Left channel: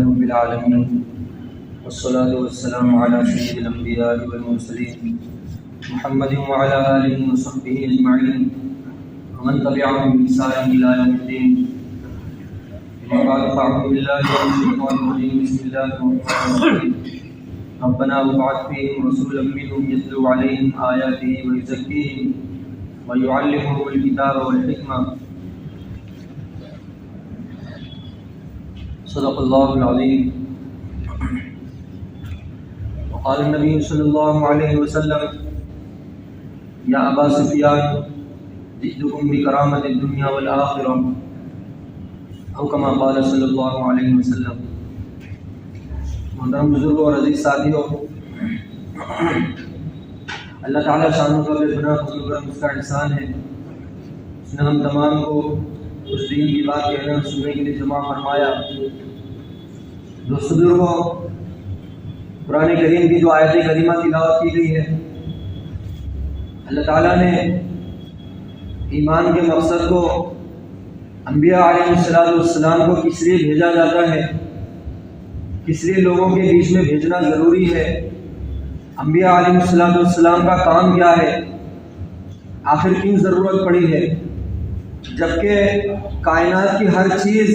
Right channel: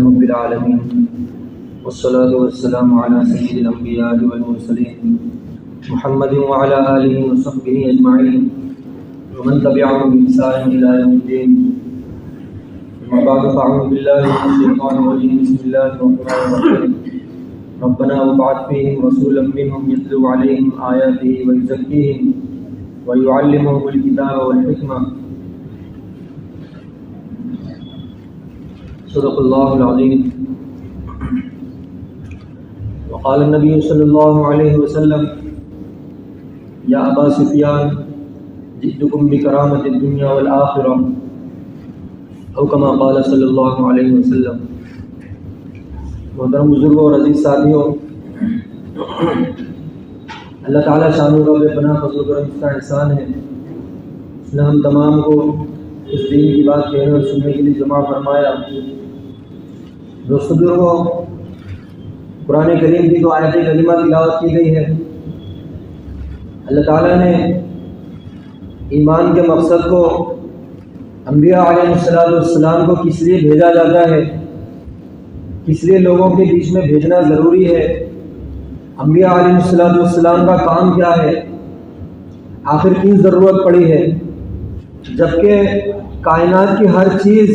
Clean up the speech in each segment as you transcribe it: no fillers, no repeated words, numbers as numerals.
رب العالمين والصلاة والسلام على سيد الأنبياء والمرسلين محمد وعلى آله وصحبه أجمعين ومن تبعهم بإحسان إلى يوم الدين. أما بعد فأعوذ بالله من الشيطان الرجيم. بسم الله الرحمن الرحيم. ربنا وابعث فيهم رسولا منهم يتلو عليهم آياته ويزكيهم ويعلمهم الكتاب والحكمة. صدق الله العظيم. وقال النبي صلى الله عليه وسلم يا أبا سفيان جئتكم بكرامة الدنيا والآخرة او كما قال صلی اللہ علیہ وسلم. محترم بزرگوں اور عزیز ساتھیوں، اللہ تعالیٰ شانوں کا بے پناہ فضل و کرم اس کا احسان ہے. اس نے ہم تمام کو اس دین کی بات کہنے اور سننے کے لیے جمع فرمایا. دوستو بزرگوں، قرآن کریم کی جو آیت کریمہ تلاوت کی گئی ہے، اللہ تعالیٰ نے ایمان کے مقصد کو انبیاء علیہ السلام کو کس لیے بھیجا جاتا ہے، کس لیے لوگوں کے بیچ میں بھیجنا ضروری ہے، انبیاء علیہ السلام کا کام کیا ہے، آخر کیوں ضرورت پڑی ہے، جبکہ کائنات کی ہر چیز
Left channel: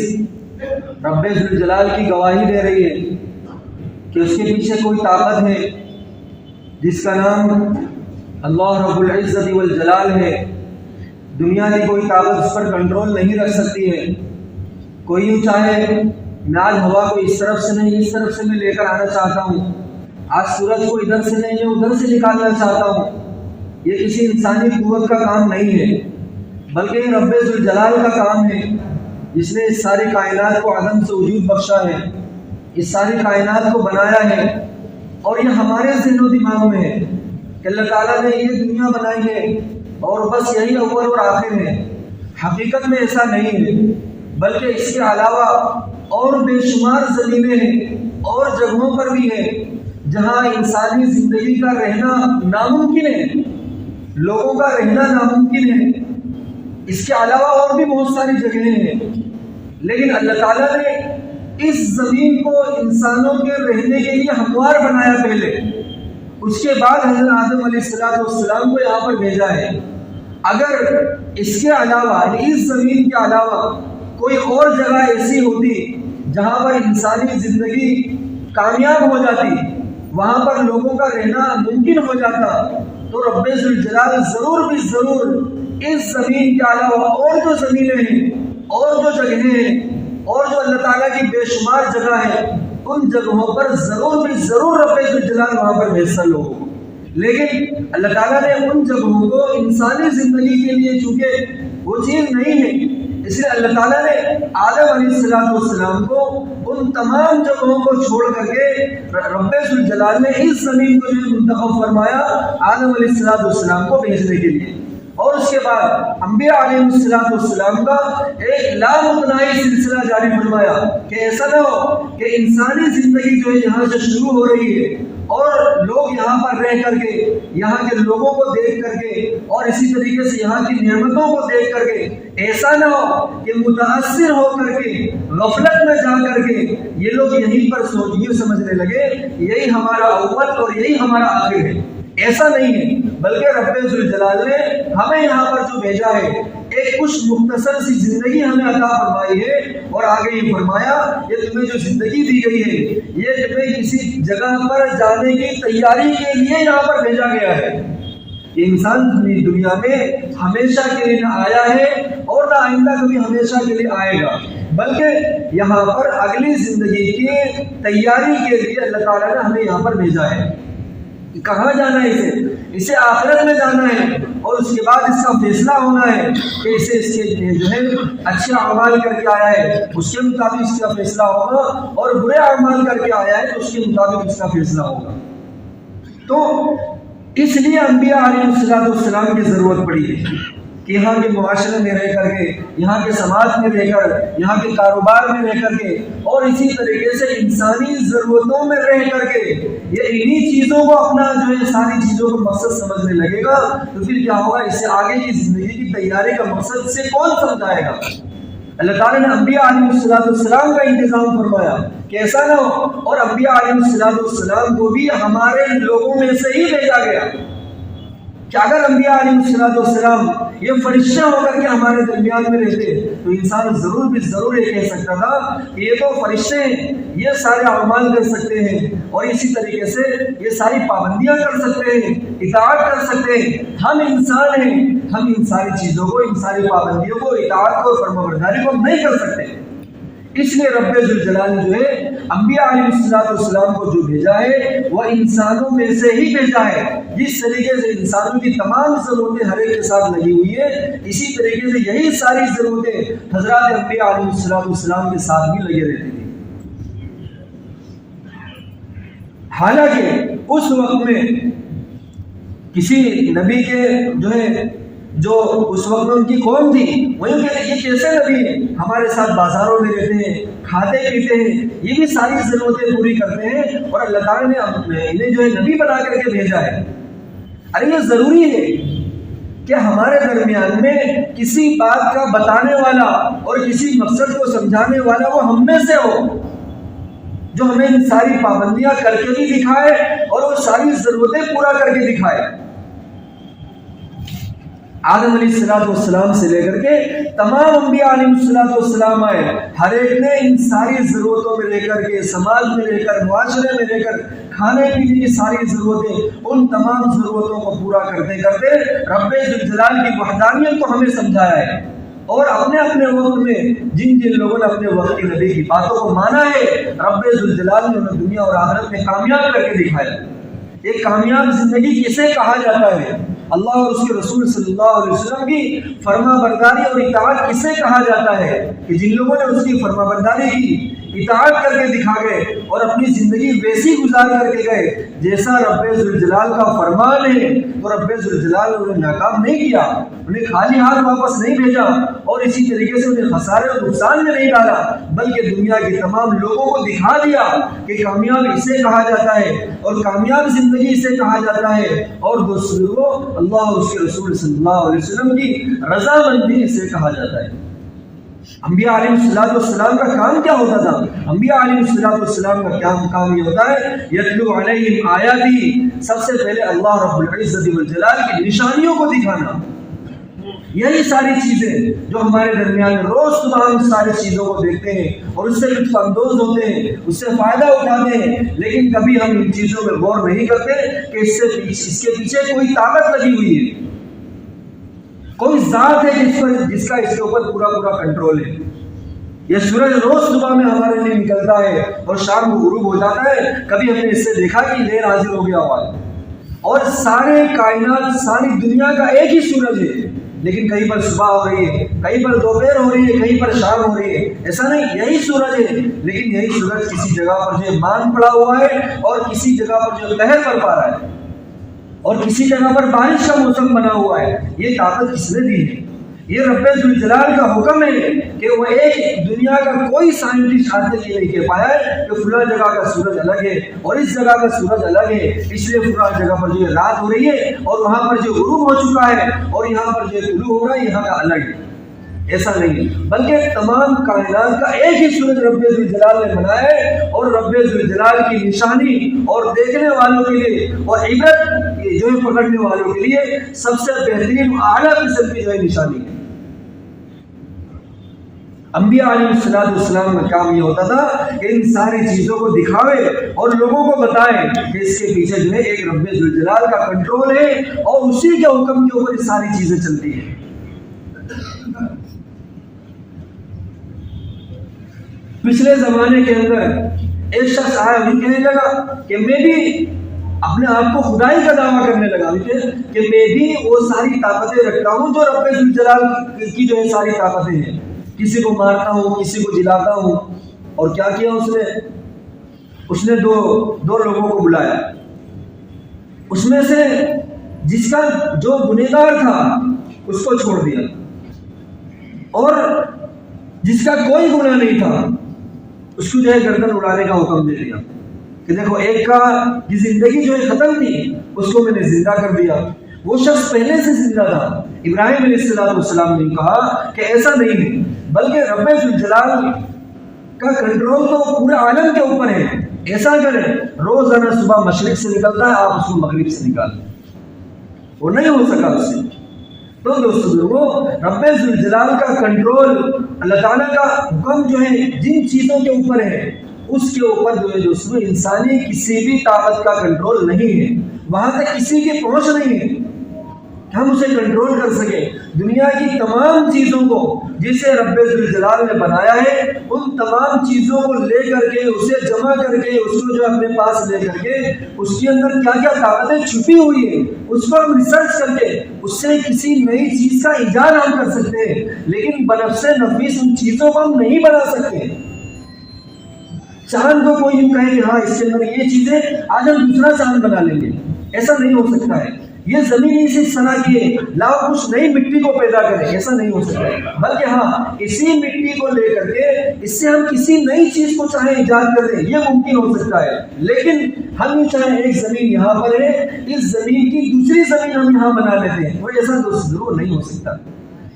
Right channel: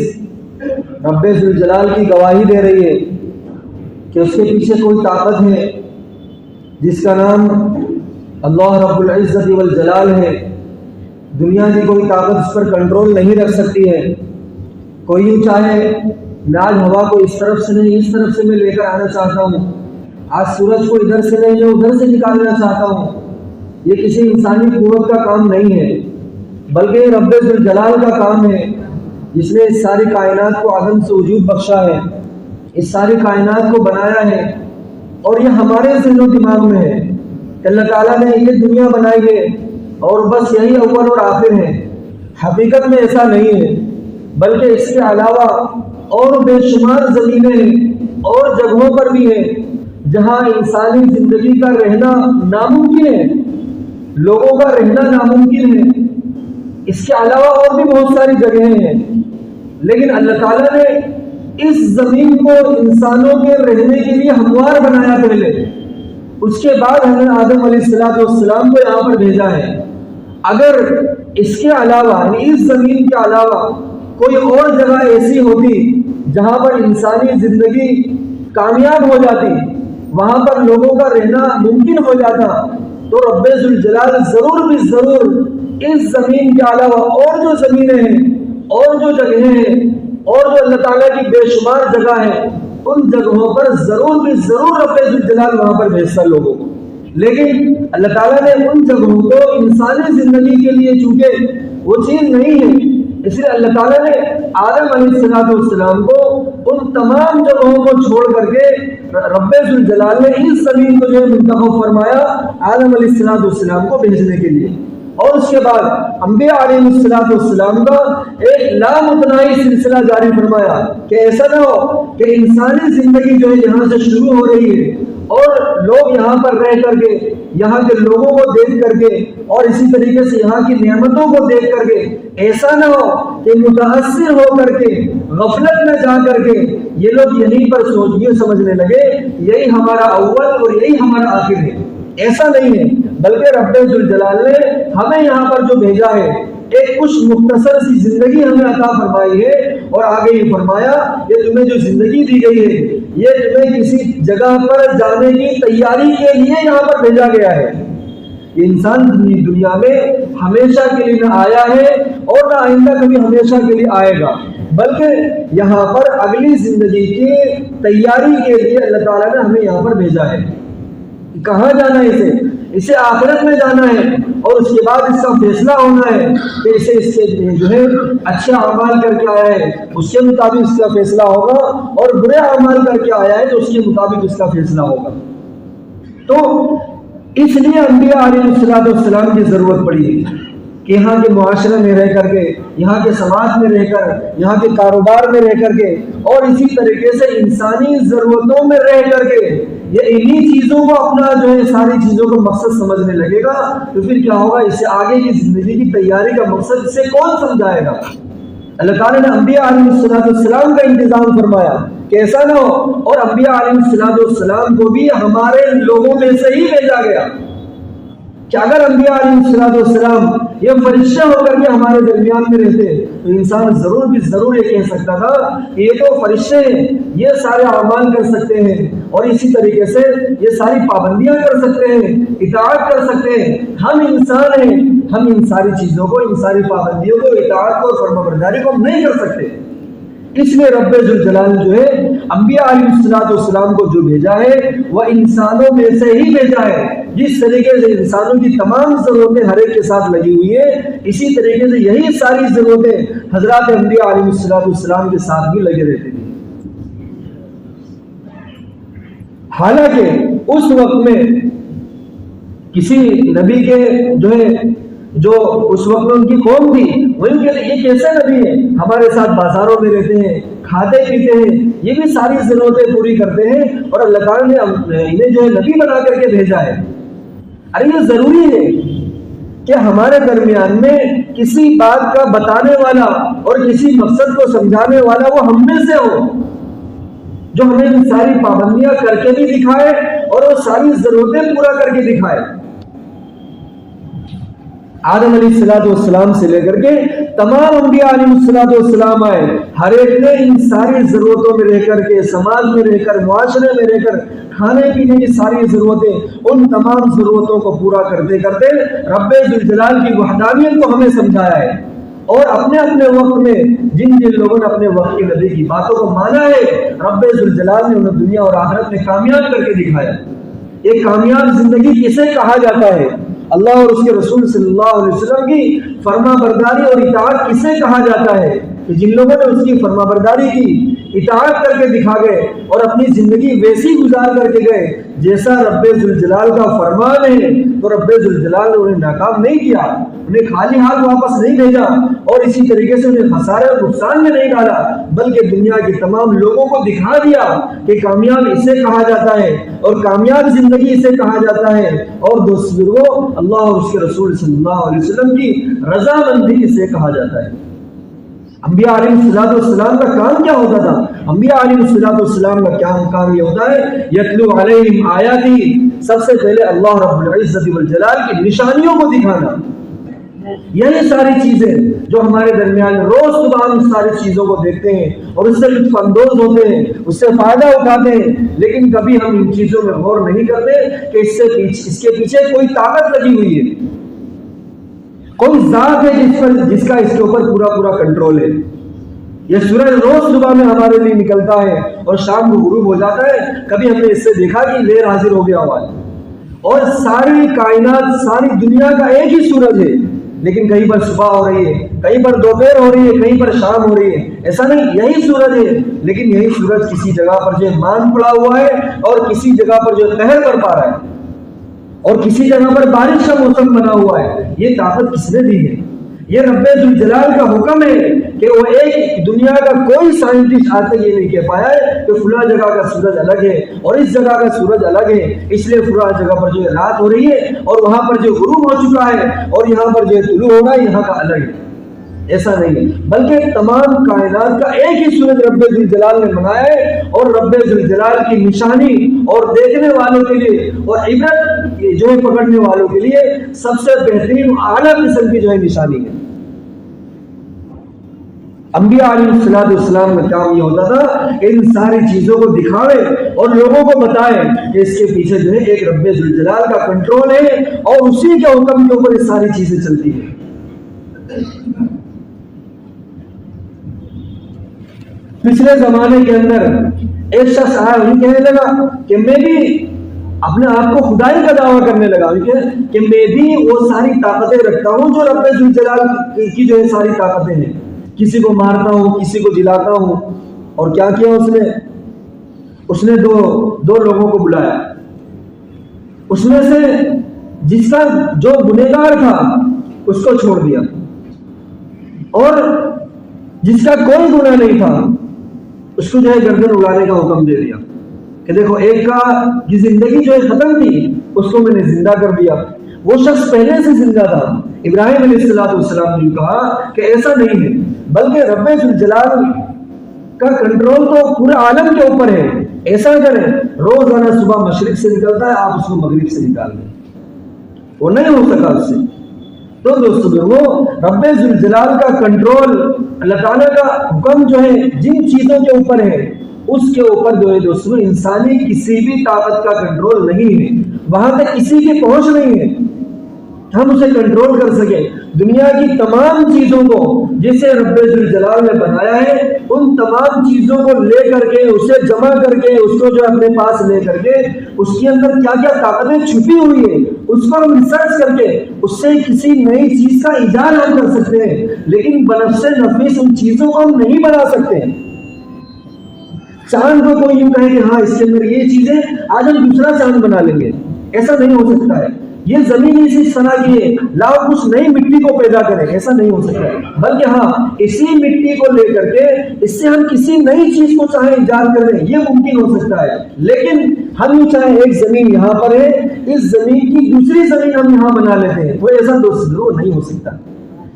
رب ذوالجلال کی گواہی دے رہی ہے کہ اس کے پیچھے کوئی طاقت ہے جس کا نام اللہ رب العزت والجلال ہے. دنیا کی کوئی طاقت اس پر کنٹرول نہیں رکھ سکتی ہے. کوئی یوں چاہے میں آج ہوا کو اس طرف سے نہیں اس طرف سے میں لے کر آنا چاہتا ہوں، آج سورج کو ادھر سے نہیں میں ادھر سے نکالنا چاہتا ہوں. یہ کسی انسانی قوت کا کام نہیں ہے، بلکہ یہ رب ذوالجلال کا کام ہے جس نے اس ساری کائنات کو عدم سے وجود بخشا ہے، اس ساری کائنات کو بنایا ہے. اور یہ ہمارے ذہن و دماغ میں ہے کہ اللہ تعالیٰ نے یہ دنیا بنائی ہے اور بس یہی اول اور آخر ہے. حقیقت میں ایسا نہیں ہے، بلکہ اس کے علاوہ اور بے شمار زمینیں ہیں اور جگہوں پر بھی ہیں جہاں انسانی زندگی کا رہنا ناممکن ہے، لوگوں کا رہنا ناممکن ہے. اس کے علاوہ اور بھی بہت ساری جگہیں ہیں، لیکن اللہ تعالیٰ نے اس زمین کو انسانوں کے رہنے کے لیے ہموار بنایا پہلے، اس کے بعد حضرت آدم علیہ السلام کو یہاں پر بھیجا ہے. اگر اس کے علاوہ یعنی اس زمین کے علاوہ کوئی اور جگہ ایسی ہوتی جہاں پر انسانی زندگی کامیاب ہو جاتی، وہاں پر لوگوں کا رہنا ممکن ہو جاتا، تو رب ذوالجلال ضرور بھی ضرور اس زمین کے علاوہ اور جو زمینیں ہیں اور جو جگہیں ہیں اور جو اللہ تعالیٰ کی بے شمار جگہ ہے ان جگہوں پر ضرور بھی ضرور رب ذوالجلال وہاں پر بھیجتا لوگوں کو. لیکن اللہ تعالیٰ نے ان جگہوں کو انسانی زندگی کے لیے چونکہ وہ چیز نہیں ہے، اس لیے اللہ تعالیٰ نے آدم علیہ السلام کو ان تمام جگہوں کو چھوڑ کر کے رب ذوالجلال نے اس زمین کو جو ہے منتخب فرمایا آدم علیہ السلام کو بھیجنے کے لیے. اور اس کے بعد انبیاء علیہ السلام کا ایک لامتناہی سلسلہ جاری فرمایا کہ ایسا نہ ہو کہ انسانی زندگی جو ہے یہاں سے شروع ہو رہی ہے اور لوگ یہاں پر رہ کر کے یہاں کے لوگوں کو دیکھ کر کے اور اسی طریقے سے یہاں کی نعمتوں کو دیکھ کر کے ایسا نہ ہو کہ متاثر ہو کر کے غفلت میں جا کر کے یہ لوگ یہیں پر سمجھنے لگے یہی ہمارا اول اور یہی ہمارا آخر ہے. ایسا نہیں ہے، بلکہ رب ذوالجلال نے ہمیں یہاں پر جو بھیجا ہے ایک کچھ مختصر سی زندگی ہمیں عطا فرمائی ہے اور آگے یہ فرمایا یہ تمہیں جو زندگی دی گئی ہے یہ تمہیں کسی جگہ پر جانے کی تیاری کے لیے یہاں پر بھیجا گیا ہے. یہ انسان دنیا میں ہمیشہ کے لیے نہ آیا ہے اور نہ آئندہ کبھی ہمیشہ کے لیے آئے گا، بلکہ یہاں پر اگلی زندگی کی تیاری کے لیے اللہ تعالیٰ نے ہمیں یہاں پر بھیجا ہے. کہاں جانا ہے؟ اسے آخرت میں جانا ہے اور اس کے بعد اس کا فیصلہ ہونا ہے کہ اسے اس کے جو ہے اچھے اعمال کر کے آیا ہے اس کے مطابق اس کا فیصلہ ہوگا اور برے اعمال کر کے آیا ہے تو اس کے مطابق اس کا فیصلہ ہوگا. تو اس لیے انبیاء علیہ السلام کی ضرورت پڑی ہے کہ یہاں کے معاشرے میں رہ کر کے، یہاں کے سماج میں رہ کر، یہاں کے کاروبار میں رہ کر کے اور اسی طریقے سے انسانی ضرورتوں میں رہ کر کے یہ انہی چیزوں کو اپنا جو ہے ساری چیزوں کو مقصد سمجھنے لگے گا تو پھر کیا ہوگا؟ اس سے آگے کی زندگی کی تیاری کا مقصد اسے کون سمجھائے گا؟ اللہ تعالیٰ نے انبیاء علیہ السلام کا انتظام فرمایا کہ ایسا نہ ہو، اور انبیاء علیہ السلام کو بھی ہمارے لوگوں میں سے ہی بھیجا گیا کہ اگر انبیاء علیہ السلام یہ فرشتے ہو کر کے ہمارے درمیان میں رہتے تو انسان ضرور یہ کہہ سکتا تھا کہ یہ تو فرشتے ہیں، یہ سارے اعمال کر سکتے ہیں اور اسی طریقے سے یہ ساری پابندیاں کر سکتے ہیں، اطاعت کر سکتے ہیں۔ ہم انسان ہیں، ہم ان ساری چیزوں کو، ان ساری پابندیوں کو، اطاعت کو، فرمانبرداری کو نہیں کر سکتے۔ اس لیے رب ذوالجلال جو ہے انبیاء علیہ السلام کو جو بھیجا ہے وہ انسانوں میں سے ہی بھیجا ہے۔ جس طریقے سے انسانوں کی تمام ضرورتیں ہر ایک کے ساتھ لگی ہوئی ہیں، اسی طریقے سے یہی ساری ضرورتیں حضرات انبیاء علیہ السلام کے ساتھ بھی لگے رہتی تھی۔ حالانکہ اس وقت میں کسی نبی کے جو اس وقت میں ان کی قوم تھی، وہ ان کے یہ کیسے نبی ہیں، ہمارے ساتھ بازاروں میں رہتے ہیں، کھاتے پیتے ہیں، یہ بھی ساری ضرورتیں پوری کرتے ہیں، اور اللہ تعالیٰ نے انہیں جو ہے نبی بنا کر کے بھیجا ہے۔ ارے یہ ضروری ہے کہ ہمارے درمیان میں کسی بات کا بتانے والا اور کسی مقصد کو سمجھانے والا وہ ہم میں سے ہو، جو ہمیں ان ساری پابندیاں کر کے بھی دکھائے اور وہ ساری ضرورتیں پورا کر کے دکھائے۔ آدم علیہ السلام سے لے کر کے تمام انبیاء علیہ السلام آئے، ہر ایک نے ان ساری ضرورتوں میں رہ کر کے، سماج میں رہ کر، معاشرے میں رہ کر، کھانے پینے کی ساری ضرورتیں، ان تمام ضرورتوں کو پورا کرتے کرتے رب ذوالجلال کی وحدانیت کو ہمیں سمجھایا ہے، اور اپنے اپنے وقت میں جن لوگوں نے اپنے وقت کے نبی کی باتوں کو مانا ہے، رب ذوالجلال نے انہیں دنیا اور آخرت میں کامیاب کر کے دکھایا۔ ایک کامیاب زندگی کسے کہا جاتا ہے؟ اللہ اور اس کے رسول صلی اللہ علیہ وسلم کی فرما برداری اور اطاعت کسے کہا جاتا ہے؟ کہ جن لوگوں نے اس کی فرما برداری کی، اطاعت کر کے دکھا گئے اور اپنی زندگی ویسی گزار کر کے گئے جیسا رب ذوالجلال کا فرمان ہے، تو رب ذوالجلال نے انہیں ناکام نہیں کیا، انہیں خالی ہاتھ واپس نہیں بھیجا، اور اسی طریقے سے انہیں خسارے اور نقصان میں نہیں ڈالا، بلکہ دنیا کے تمام لوگوں کو دکھا دیا کہ کامیاب اسے کہا جاتا ہے اور کامیاب زندگی اسے کہا جاتا ہے، اور دوسروں اللہ اور اس کے رسول صلی اللہ علیہ وسلم کی رضامندی اسے کہا جاتا ہے۔ انبیاء علیہ السلام کا کام کیا ہوتا تھا؟ انبیاء علیہ السلام کا کام یہ ہوتا ہے یتلو علیہم آیاتی، سب سے پہلے اللہ رب العزت والجلال کی نشانیوں کو دکھانا۔ یہی ساری چیزیں جو ہمارے درمیان روز صبح ہم ساری چیزوں کو دیکھتے ہیں اور اس سے لطف اندوز ہوتے ہیں، اس سے فائدہ اٹھاتے ہیں، لیکن کبھی ہم ان چیزوں میں غور نہیں کرتے کہ اس کے پیچھے کوئی طاقت لگی ہوئی ہے، کوئی ذات ہے جس کا اس کے اوپر پورا کنٹرول ہے۔ یہ سورج روز صبح میں ہمارے لیے نکلتا ہے اور شام کو غروب ہو جاتا ہے، کبھی ہم نے اس سے دیکھا کہ لہر حاضر ہو گیا ہوا ہے، اور ساری کائنات، ساری دنیا کا ایک ہی سورج ہے، لیکن کہیں پر صبح ہو رہی ہے، کہیں پر دوپہر ہو رہی ہے، کہیں پر شام ہو رہی ہے، ایسا نہیں، یہی سورج ہے، لیکن یہی سورج کسی جگہ پر جو مان پڑا ہوا ہے اور کسی جگہ پر جو قہر کر پا رہا ہے اور کسی جگہ پر بارش کا موسم بنا ہوا ہے۔ یہ طاقت کس نے دی ہے؟ یہ رب ذوالجلال کا حکم ہے کہ وہ ایک دنیا کا کوئی سائنٹسٹ آج تک یہ نہیں کہہ پایا ہے کہ فلاں جگہ کا سورج الگ ہے اور اس جگہ کا سورج الگ ہے، اس لیے فلاں جگہ پر جو رات ہو رہی ہے اور وہاں پر جو غروب ہو چکا ہے اور یہاں پر جو طلوع ہو رہا ہے یہاں کا الگ ہے۔ ایسا نہیں ہے، بلکہ تمام کائنات کا ایک ہی سورج رب ذوالجلال نے بنایا ہے، اور رب ذوالجلال کی نشانی اور دیکھنے والوں کے لیے اور عبرت جو ہے پکڑنے والوں کے لیے سب سے بہترین اعلیٰ قسم کی جو ہے نشانی ہے۔ انبیاء علیہ السلام کا کام یہ ہوتا تھا کہ ان ساری چیزوں کو دکھاوے اور لوگوں کو بتائے کہ اس کے پیچھے جو ہے ایک رب ذوالجلال کا کنٹرول ہے اور اسی کے حکم کے اوپر یہ ساری چیزیں چلتی ہیں۔ پچھلے زمانے کے اندر ایک شخص آیا، وہی کہنے لگا کہ میں بھی اپنے آپ کو خدائی کا دعویٰ کرنے لگا کہ میں بھی وہ ساری طاقتیں رکھتا ہوں جو رب ذوالجلال کی جو ہے ساری طاقتیں ہیں، کسی کو مارتا ہوں، کسی کو جلاتا ہوں۔ اور کیا کیا اس نے دو لوگوں کو بلایا، اس میں سے جس کا جو گنہگار تھا اس کو چھوڑ دیا، اور جس کا کوئی گناہ نہیں تھا اس کو جو ہے گردن اڑانے کا حکم دے دیا کہ دیکھو ایک کی زندگی جو ہے ختم تھی، اس کو میں نے زندہ کر دیا، وہ شخص پہلے سے زندہ تھا۔ ابراہیم علیہ السلام نے کہا کہ ایسا نہیں ہے، بلکہ رب ذوالجلال کا کنٹرول تو پورے عالم کے اوپر ہے. ایسا کریں روزانہ صبح مشرق سے نکلتا ہے آپ اس کو مغرب سے نکال دیں, وہ نہیں ہو سکا اس سے. تو دوستو وہ رب ذوالجلال کا کنٹرول, اللہ تعالیٰ کا حکم جو ہے جن چیزوں کے اوپر ہے اس کے اوپر جو ہے دوستو انسانی کسی بھی طاقت کا کنٹرول نہیں ہے, وہاں تک کسی کی پہنچ نہیں ہے ہم اسے کنٹرول کر سکیں. دنیا کی تمام چیزوں کو جسے رب ذوالجلال نے بنایا ہے ان تمام چیزوں کو لے کر کے اسے جمع کر کے اس کو جو اپنے پاس لے کر کے اس کے اندر کیا کیا طاقتیں چھپی ہوئی ہیں اس کو ہم ریسرچ کر کے اس سے کسی نئی چیز کا ایجاد ہم کر سکتے ہیں, لیکن بنفس نفیس ان چیزوں کو ہم نہیں بنا سکتے. چاند کو کوئی یوں کہے کہ ہاں اس کے اندر یہ چیزیں آج ہم دوسرا چاند بنا لیں گے, ایسا نہیں ہو سکتا ہے. یہ زمین اسی طرح کی ہے, لاؤ کچھ نئی مٹی کو پیدا کریں, ایسا نہیں ہو سکتا ہے. بلکہ ہاں اسی مٹی کو لے کر کے اس سے ہم کسی نئی چیز کو چاہے ایجاد کر دیں, یہ ممکن ہو سکتا ہے. لیکن ہم یوں چاہے ایک زمین یہاں پر ہے, اس زمین کی دوسری زمین ہم یہاں بنا لیتے ہیں, وہ ایسا دوست ضرور نہیں ہو سکتا.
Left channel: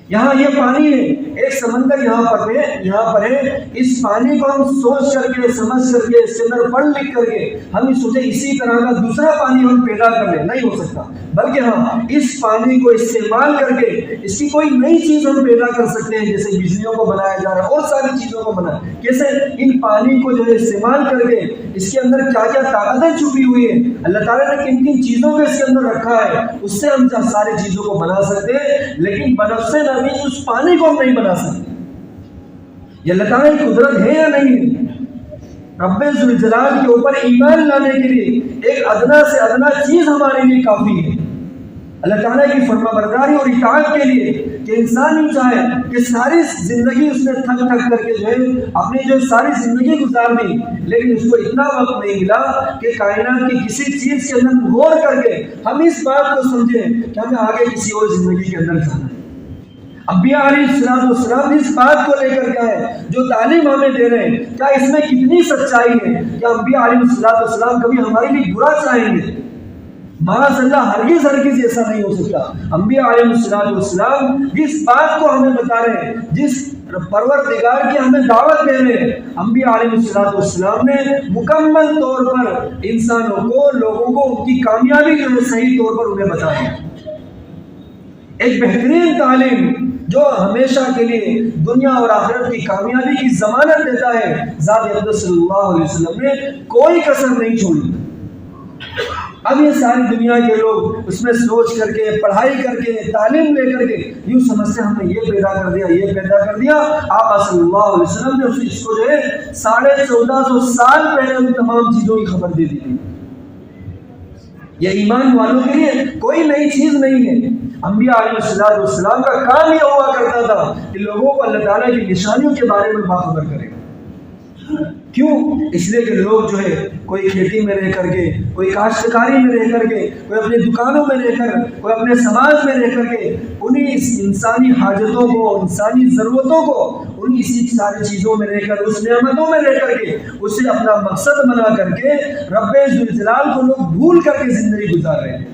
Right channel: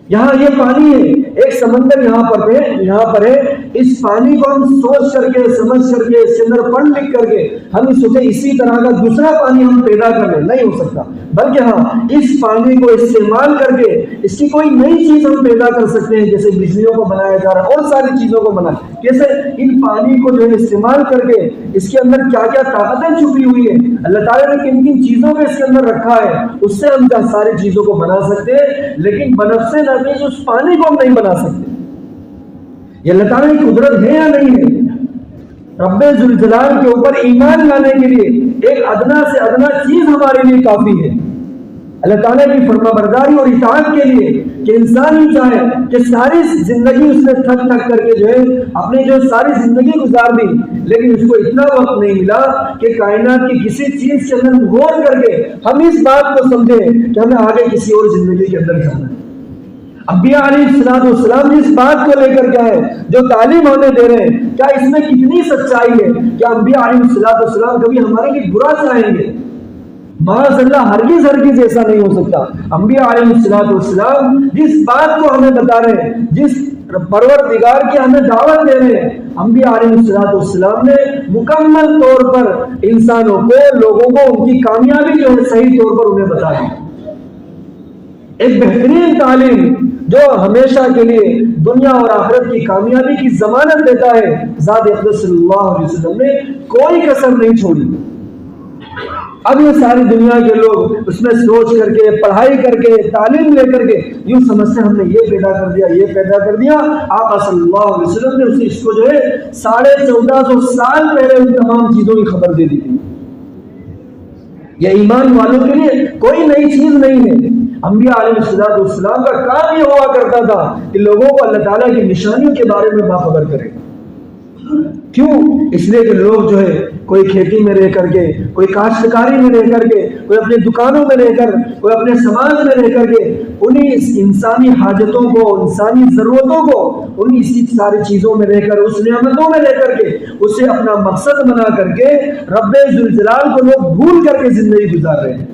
یہاں یہ پانی ہے, ایک سمندر یہاں پر ہے, اس پانی کو ہم سوچ کر کے سمجھ کر کے اس کے اندر پڑھ لکھ کر کے ہم سوچے اسی طرح کا دوسرا پانی ہم پیدا کر لیں, نہیں ہو سکتا. بلکہ ہاں اس پانی کو استعمال کر کے اس کی کوئی نئی چیز ہم پیدا کر سکتے ہیں, جیسے بجلیوں کو بنایا جا رہا ہے اور ساری چیزوں کو بنایا. کیسے ان پانی کو جو ہے استعمال کر کے اس کے اندر کیا کیا طاقتیں چھپی ہوئی ہیں, اللہ تعالیٰ نے کن کن چیزوں کو اس کے اندر رکھا ہے, اس سے ہم ساری چیزوں کو بنا سکتے ہیں. لیکن بنفس نفیس اس پانی کو ہم نہیں بنا سکتے. یہ اللہ تعالیٰ کی قدرت ہے یا نہیں ہے؟ رب ذوالجلال کے اوپر ایمان لانے کے لیے ایک ادنا سے ادنا چیز ہمارے لیے کافی ہے. اللہ تعالیٰ کی فرما برداری اور اطاعت کے لیے کہ انسان ہی چاہے کہ ساری زندگی اس نے تھک تھک کر کے جو ہے اپنی جو ساری زندگی گزار دی, لیکن اس کو اتنا وقت نہیں ملا کہ کائنات کی کسی چیز کے اندر غور کر کے ہم اس بات کو سمجھیں کہ ہمیں آگے کسی اور زندگی کے اندر جانا ہے. انبیاء علیہ السلام اس بات کو لے کر کے آئے جو تعلیم ہمیں دے رہے ہیں, کیا اس میں کتنی سچائی ہے؟ کیا انبیاء علیہ السلام کبھی ہمارے لیے برا چاہیں گے؟ معاذ اللہ, ہرگز ایسا نہیں ہو سکتا. انبیاء علیہ السلام جس بات کو ہمیں بتا رہے ہیں, جس پروردگار کی ہمیں دعوت دے رہے ہیں, انبیاء علیہ السلام نے مکمل طور پر انسانوں کو, لوگوں کو ان کی کامیابی جو ہے صحیح طور پر انہیں بتا دی. ایک بہترین تعلیم جو ہمیشہ کے لیے دنیا اور آخرت کی کامیابی کی ضمانت دیتا ہے. ذات اقدس صلی اللہ علیہ وسلم نے کوئی کسر نہیں چھوڑی. اب یہ ساری دنیا کے لوگ اس میں سوچ کر کے, پڑھائی کر کے, تعلیم لے کر کے یوں سمجھتے ہم نے یہ پیدا کر دیا, یہ پیدا کر دیا. آپ صلی اللہ علیہ وسلم نے اس کو جو ہے 1450 سال پہلے ان تمام چیزوں کی خبر دے دی تھی. یہ ایمان والوں کے لیے کوئی نئی چیز نہیں ہے. انبیاء علیہ السلام کا کام یہ ہوا کرتا تھا کہ لوگوں کو اللہ تعالیٰ کی نشانیوں کے بارے میں باخبر کرے. کیوں؟ اس لیے کہ لوگ جو ہے کوئی کھیتی میں رہ کر کے, کوئی کاشتکاری میں رہ کر کے, کوئی اپنے دکانوں میں رہ کر, کوئی اپنے سماج میں رہ کر کے انہیں انسانی حاجتوں کو, انسانی ضرورتوں کو, انہیں اسی ساری چیزوں میں رہ کر, اس نعمتوں میں رہ کر کے اسے اپنا مقصد بنا کر کے رب ذوالجلال کو لوگ بھول کر کے زندگی گزار رہے ہیں,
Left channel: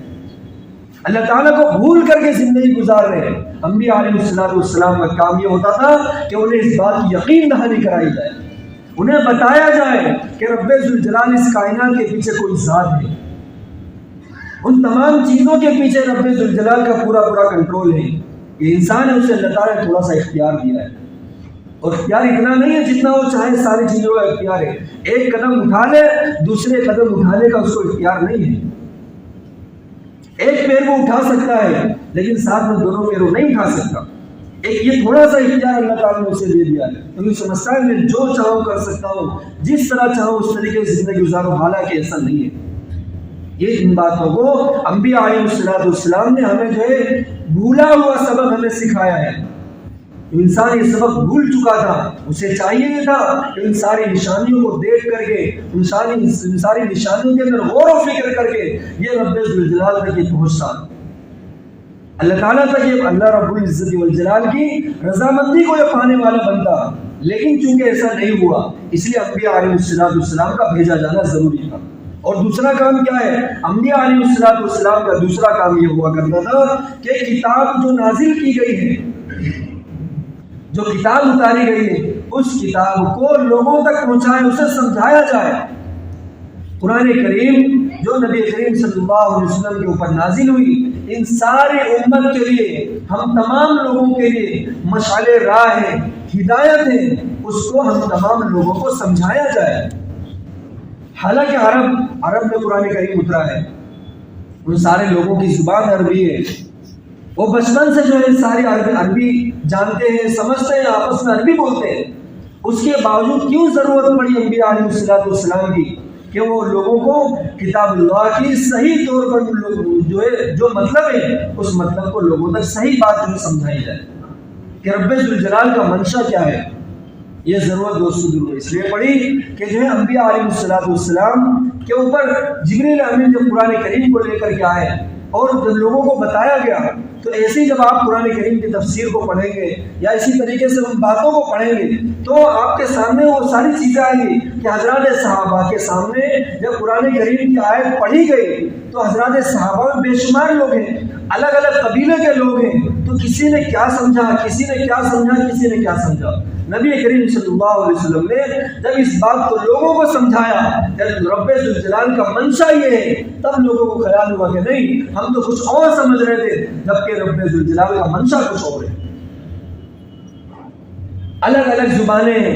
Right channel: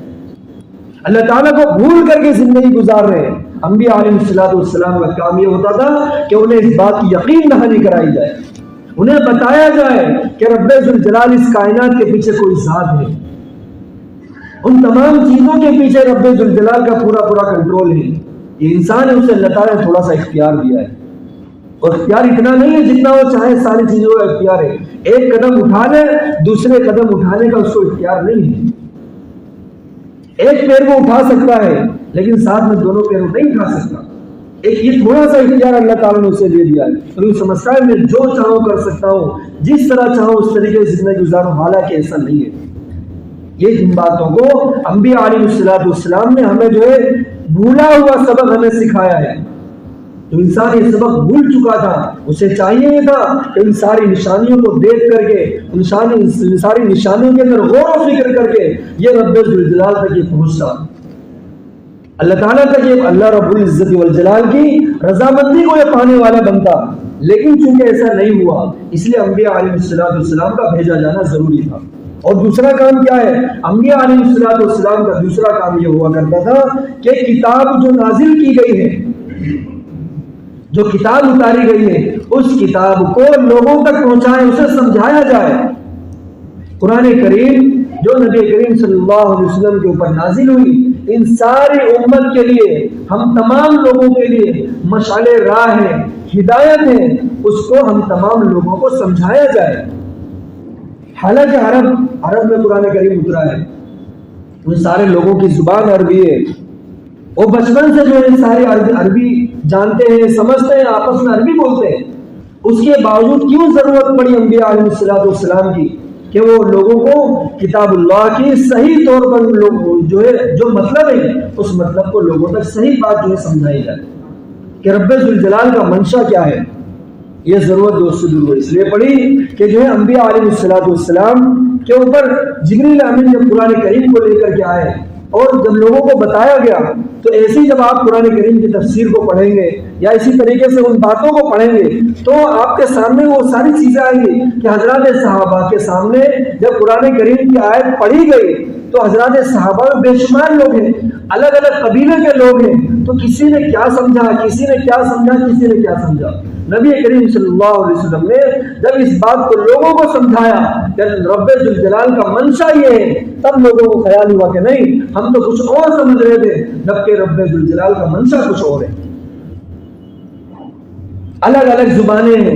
اللہ تعالیٰ کو بھول کر کے زندگی گزار رہے ہیں. انبیاء علیہ السلام کا کام یہ ہوتا تھا کہ انہیں اس بات کی یقین دہانی کرائی جائے, انہیں بتایا جائے کہ رب ذوالجلال اس کائنات کے پیچھے کوئی ذات ہے, ان تمام چیزوں کے پیچھے رب ذوالجلال کا پورا کنٹرول ہے. یہ انسان ہے, اسے اللہ تعالیٰ نے تھوڑا سا اختیار دیا ہے, اور اختیار اتنا نہیں ہے جتنا وہ چاہے ساری چیزوں کا اختیار ہے. ایک قدم اٹھا لے, دوسرے قدم اٹھانے کا اس کو اختیار نہیں ہے. ایک پیر کو اٹھا سکتا ہے لیکن ساتھ میں دونوں پیروں نہیں اٹھا سکتا. ایک یہ تھوڑا سا اختیار اللہ تعالیٰ نے اسے دے دیا ہے, تو یہ سمجھتا ہے میں جو چاہوں کر سکتا ہوں, جس طرح چاہوں اس طریقے سے زندگی گزاروں, حالانکہ ایسا نہیں ہے. یہ ان باتوں کو انبیاء علیہ السلام نے ہمیں جو ہے بھولا ہوا سبق ہمیں سکھایا ہے. تو انسان یہ سبق بھول چکا تھا, اسے چاہیے یہ تھا کہ ان ساری نشانیوں کو دیکھ کر کے, ان ساری نشانیوں کے اندر غور و فکر کر کے یہ رب ذوالجلال تک یہ پہنچتا, اللہ تعالیٰ تک یہ اللہ رب العزت والجلال کی رضامندی کو یہ پانے والا بنتا. لیکن چونکہ ایسا نہیں ہوا, اس لیے انبیاء علیہ السلام کا بھیجا جانا ضروری تھا. اور دوسرا کام کیا ہے؟ انبیاء علیہ السلام کا دوسرا کام یہ ہوا کرتا تھا کہ کتاب جو نازل کی گئی ہے جو کتاب اتاری گئی ہے اس کتاب کو لوگوں تک پہنچائے، اسے سمجھایا جائے۔ قرآن کریم جو نبی کریم صلی اللہ علیہ وسلم کے اوپر نازل ہوئی، ان ساری امت کے لیے، ہم تمام لوگوں کے لیے مشعل راہ ہے، ہدایت ہے، اس کو ہم تمام لوگوں کو سمجھایا جائے۔ حالانکہ عرب میں قرآن کریم اترا ہے، ان سارے لوگوں کی زبان عربی ہے، وہ بچپن سے جو ہے سارے عربی جانتے ہیں، سمجھتے ہیں، آپس میں عربی بولتے ہیں۔ اس کے باوجود کیوں ضرورت پڑی انبیاء علیہ السلام کی کہ وہ لوگوں کو کتاب اللہ کی صحیح طور پر جو مطلب ہے اس مطلب کو لوگوں تک صحیح بات جو ہے سمجھائی جائے کہ رب ذوالجلال کا منشا کیا ہے۔ یہ ضرورت دوستو اس لیے پڑی کہ جو ہے انبیاء علیہ السلام کے اوپر جبریل امین جب قرآن کریم کو لے کر کے آئے اور جب لوگوں کو بتایا گیا، تو ایسے ہی جب آپ قرآن کریم کی تفسیر کو پڑھیں گے یا اسی طریقے سے ان باتوں کو پڑھیں گے تو آپ کے سامنے وہ ساری چیزیں آئیں گی کہ حضرات صحابہ کے سامنے جب قرآن کریم کی آیت پڑھی گئی تو حضرات صحابہ بے شمار لوگ ہیں، الگ الگ قبیلے کے لوگ ہیں، تو کسی نے کیا سمجھا، کسی نے کیا سمجھا، کسی نے کیا سمجھا۔ نبی کریم صلی اللہ علیہ وسلم نے جب اس بات کو لوگوں کو سمجھایا کہ رب ذوالجلال کا منشا یہ ہے، تب لوگوں کو خیال ہوا کہ نہیں، ہم تو کچھ اور سمجھ رہے تھے، جبکہ رب ذوالجلال کا منشا کچھ اور ہے۔ الگ الگ زبانیں ہیں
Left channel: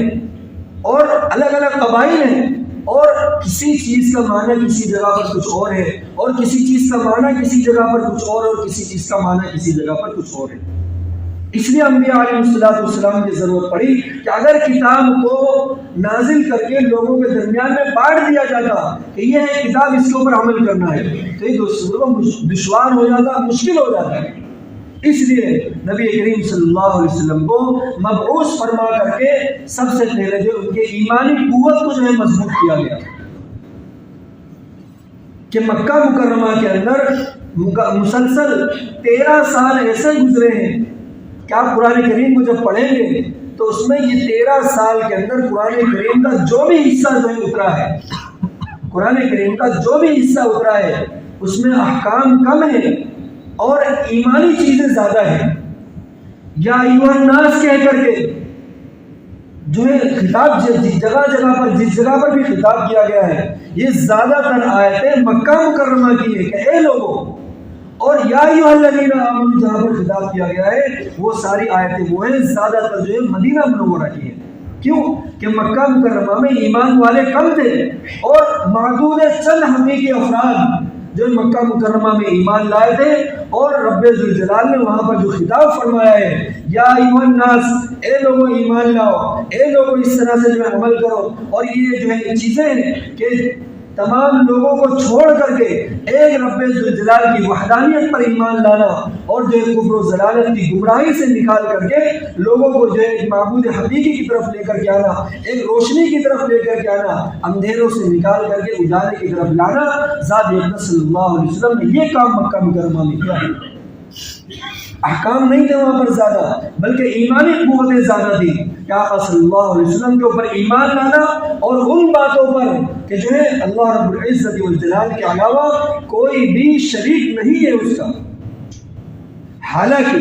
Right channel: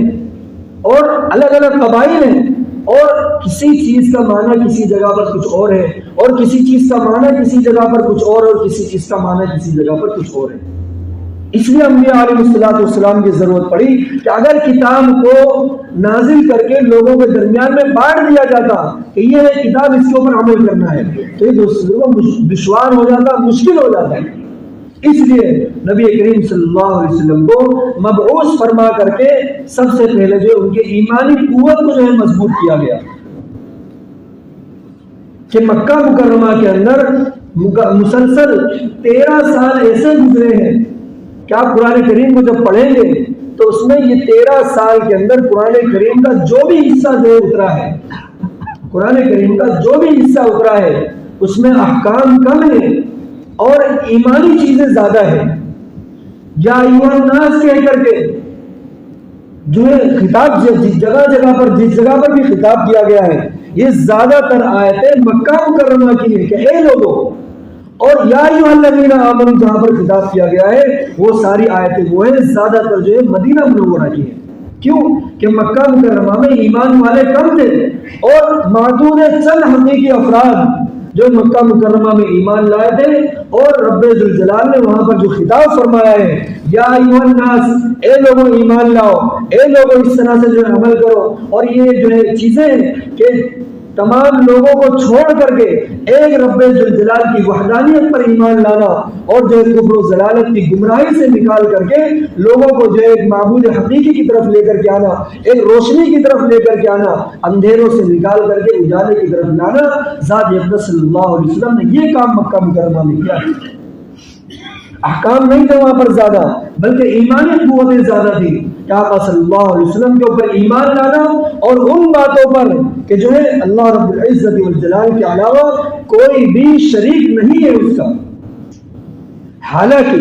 اور الگ الگ قبائل ہیں، اور کسی چیز کا معنی کسی جگہ پر کچھ اور ہے، اور کسی چیز کا معنی کسی جگہ پر کچھ اور کسی چیز کا معنی کسی جگہ پر کچھ اور ہے۔ اس لیے انبیاء علیہ السلام کی ضرورت پڑی کہ اگر کتاب کو نازل کر کے لوگوں کے درمیان میں بانٹ دیا جاتا کہ یہ ہے کتاب، اس کے اوپر عمل کرنا ہے، تو یہ دشوار ہو جاتا، مشکل ہو جاتا ہے۔ اس لیے نبی کریم صلی اللہ علیہ وسلم کو مبعوث فرما کر کے سب سے پہلے جو ان کے ایمانی قوت کو جو ہے مضبوط کیا گیا کہ مکہ مکرمہ کے اندر مسلسل 13 سال ایسے گزرے ہیں کہ آپ قرآن کریم کو جب پڑھیں گے تو اس میں یہ 13 سال کے اندر قرآن کریم کا جو بھی حصہ جو ہے اترا ہے، قرآن کریم کا جو بھی حصہ اترا ہے اس میں احکام کم ہیں اور ایمانی چیزیں زیادہ ہیں۔ یا ایوہ الناس کہہ کر کے جو ہے خطاب جگہ جگہ پر، جس جگہ پر بھی خطاب کیا گیا ہے، یہ زیادہ تر آیتیں مکہ مکرمہ کی ہے کہ اے لوگوں، اور یا ایھا الذین آمنوا جہاں پر خطاب کیا گیا ہے وہ ساری آیتیں وہ ہیں زیادہ تر جو ہے مدینہ منورہ کی ہیں۔ کیوں کہ مکہ مکرمہ میں ایمان والے کم تھے اور معدود چند حقیقی افراد جو مکہ مکرمہ میں ایمان لائے تھے، اور رب ذوالجلال نے وہاں پر جو خطاب فرمایا ہے یا ایھا الناس، اے لوگوں ایمان لاؤ، اے لوگوں اس طرح سے جو ہے عمل کرو، اور یہ جو ہے چیزیں کہ تمام لوگوں کو چھوڑ کر کے ایک رب ذوالجلال کی وحدانیت پر ایمان لانا، اور جو ہے کفر و ضلالت کی گمراہی سے نکال کر کے لوگوں کو جو ہے ایک معبود حقیقی کی طرف لے کر کے آنا، ایک روشنی کی طرف لے کر کے آنا، اندھیروں سے نکال کر کے اجالے کی طرف لانا، ذات اقدس صلی اللہ علیہ وسلم نے یہ کام مکہ مکرمہ میں کیا ہے۔ احکام نہیں تھے وہاں پر زیادہ، بلکہ ایمانی قوتیں زیادہ تھی کہ آقا صلی اللہ علیہ وسلم کے اوپر ایمان لانا اور ان باتوں پر کہ جو ہے اللہ رب العزت والجلال کے علاوہ کوئی بھی شریک نہیں ہے اس کا۔ حالانکہ